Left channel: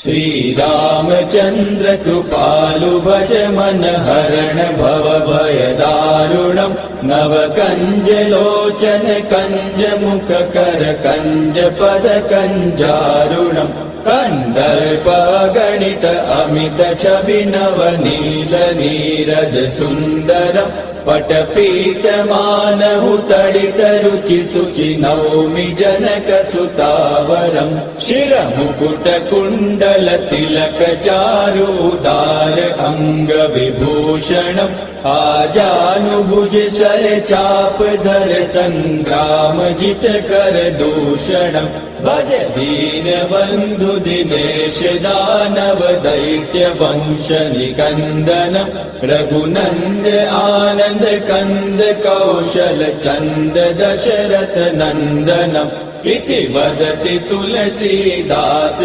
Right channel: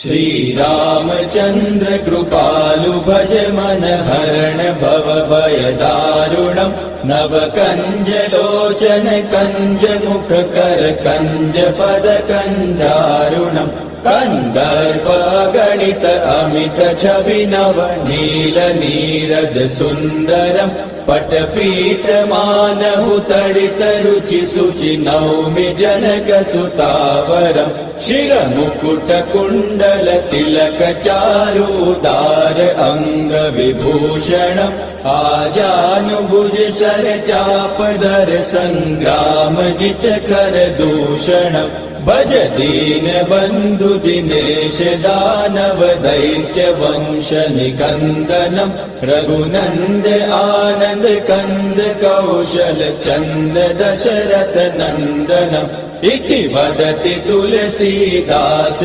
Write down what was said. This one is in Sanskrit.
श्रीरामचन्द्र कृपालु भज मन हरण भव भय दारुणम् नव कंज लोचन कंज मुख कर कंज पद कंजारुणम् कंदर्प गणित अमित छवि नव नील नीरद सुन्दरम् पटपीठ मानहु तडित रुचि सुचि नौमि जनक सुतावरम् शिर मुकुट कुण्डल तिलक चारु उदार अंग विभूषणम् आजानुभुज शर चाप दर संग्राम जित कर दूषणम् भज दीन बंधु दिनेश दानव दैत्य वंश निकंदनम् रघुनंद आनंद कंद कौशल चंद दशरथ नंदनम् इति वदति तुलसीदास